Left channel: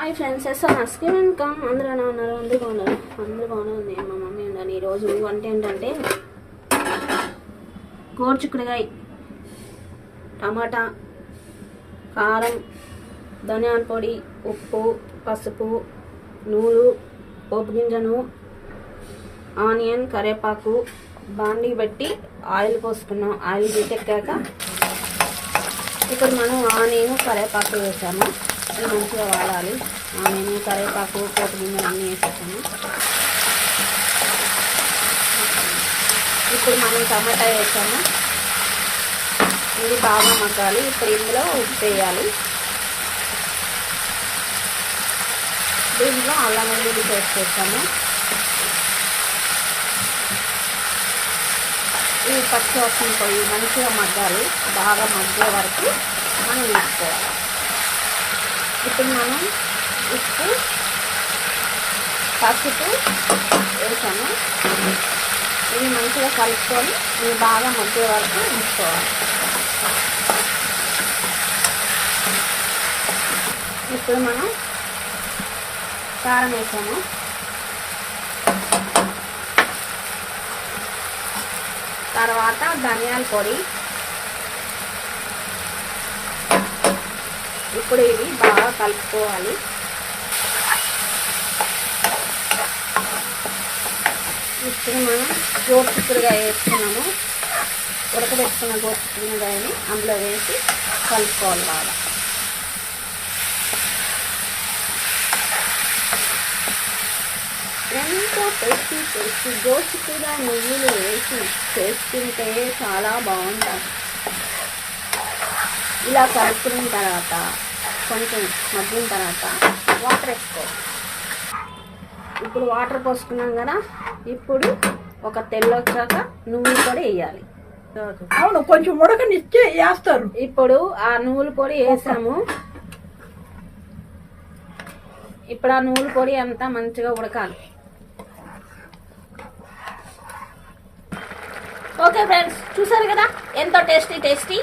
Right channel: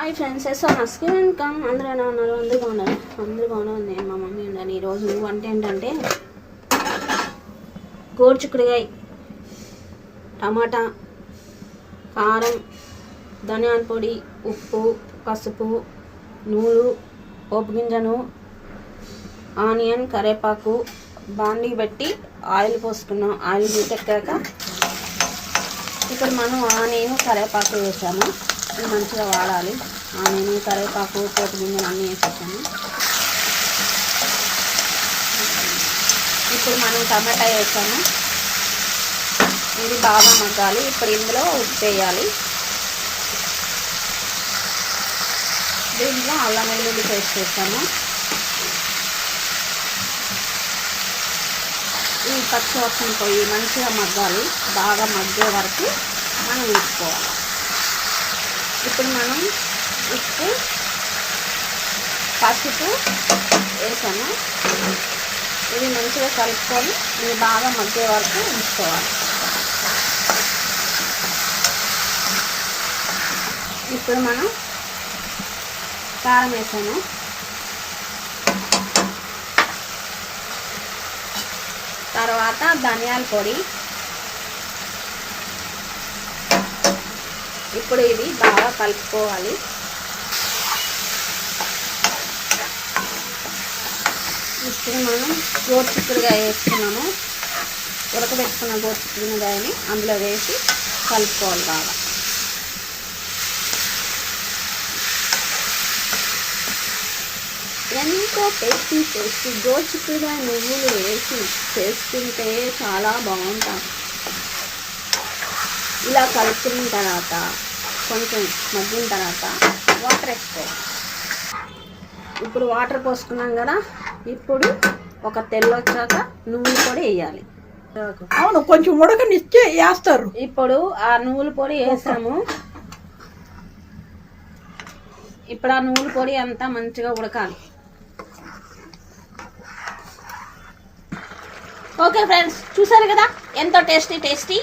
Hi friends, నా skin income అందరూ ఎలా ఉన్నారు? అందరూ బాగున్నారు. నేను మా మమ్మీ ఉన్నాను. ఈరోజు వంట ఏంటంటే గోరుచిక్కుడుకాయ, టమాటా, కారం, ధనియాల పొడి, ఉప్పు, పసుపు, నూనె, పోపు గింజను, ఆనియన్, కరివేపాకు బాండీ పెట్టి ఆయిల్ పోసుకున్నాం. ఆయిల్ తీసెక్కాక ఇప్పుడు మనం ఆనియన్, కరివేపాకు వేసాము. ఇది మంచిగా వాడాలి. ఆనియన్, కరివేపాకు, పోపు గింజలు అన్నీ వేసేసాము. ఇప్పుడు మనం టమాటా వేసాము. ఇది బాగా మగ్గాలి. ఇప్పుడు ఇందులో ఉప్పు వేయాలి. దీంట్లో అల్లం వెల్లుల్లి పేస్ట్ వేస్తాము. ఈ పచ్చివాసన పోయి మంచిగా మగ్గాలి. బాగా మగ్గే వరకు మనం వేసుకోవాలి. ఇప్పుడు మనం ఉప్పు, పసుపు వేసాము. ఇవి మంచిగా కలుపుకొని ఇవి బాగా మగ్గే వరకు ఉంచుకోవాలి. ఇప్పుడు మనం కారం వేసాము. తర్వాత ధనియాల పొడి. ఇప్పుడు ఇది బాగా కలుపుకోవాలి. ఇప్పుడు మనం గోరుచిక్కుడుకాయ వేసుకున్నాము. ఉడకబెట్టుకున్న గోరుచిక్కుడుకాయని అందులో వేసి కలుపుకోవాలి బాగా. ఎంతో టేస్టీ గోరుచిక్కుడుకాయ నువ్వులు వేసి చేసుకుంటే చాలా బాగుంటుంది. ఇలా కలుపుకున్న తర్వాత కొంచెం మగ్గిన తర్వాత వాటర్ వేసుకోవాలి. ఇప్పుడు వాటర్ పోసుకున్నాం కదా, ఇప్పుడు ఒక తెల్లొచ్చాక నువ్వుల పొడి వేయాలి. అవును, కొంచెం ఉడకనిచ్చి వేస్తారు. ఇప్పుడు ఆ నువ్వుల పొడి వేసాము. ఇప్పుడు ఆ నువ్వుల పొడి అంతా మంచిగా ఉడకాలి. ఓకే ఫ్రెండ్స్, చూసారు కదా ఎంతో టేస్టీ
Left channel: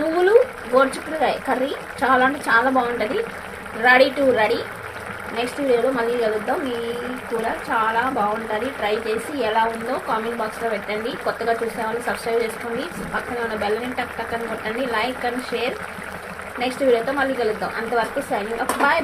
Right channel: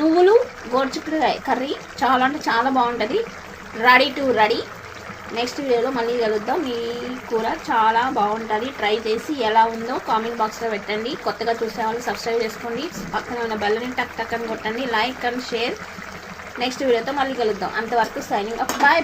నువ్వులు గోరుచిక్కుడుకాయ కర్రీ. చాలా అంటే చాలా బాగుంటుంది. రెడీ. నెక్స్ట్ వీడియోలో మళ్ళీ కలుద్దాం. మీ కూర చాలా బాగుంటుంది. ట్రై చేసి ఎలా ఉందో కామెంట్ బాక్స్లో పెట్టండి. కొత్తగా చూసే వాళ్ళు సబ్స్క్రైబ్ చేసుకోండి. పక్కన ఉన్న బెల్లని టక్ అని కొట్టండి. Like and share. నెక్స్ట్ వీడియోతో మళ్ళీ కలుద్దాం. అంతవరకు సైనింగ్ ఆఫ్. బాయ్.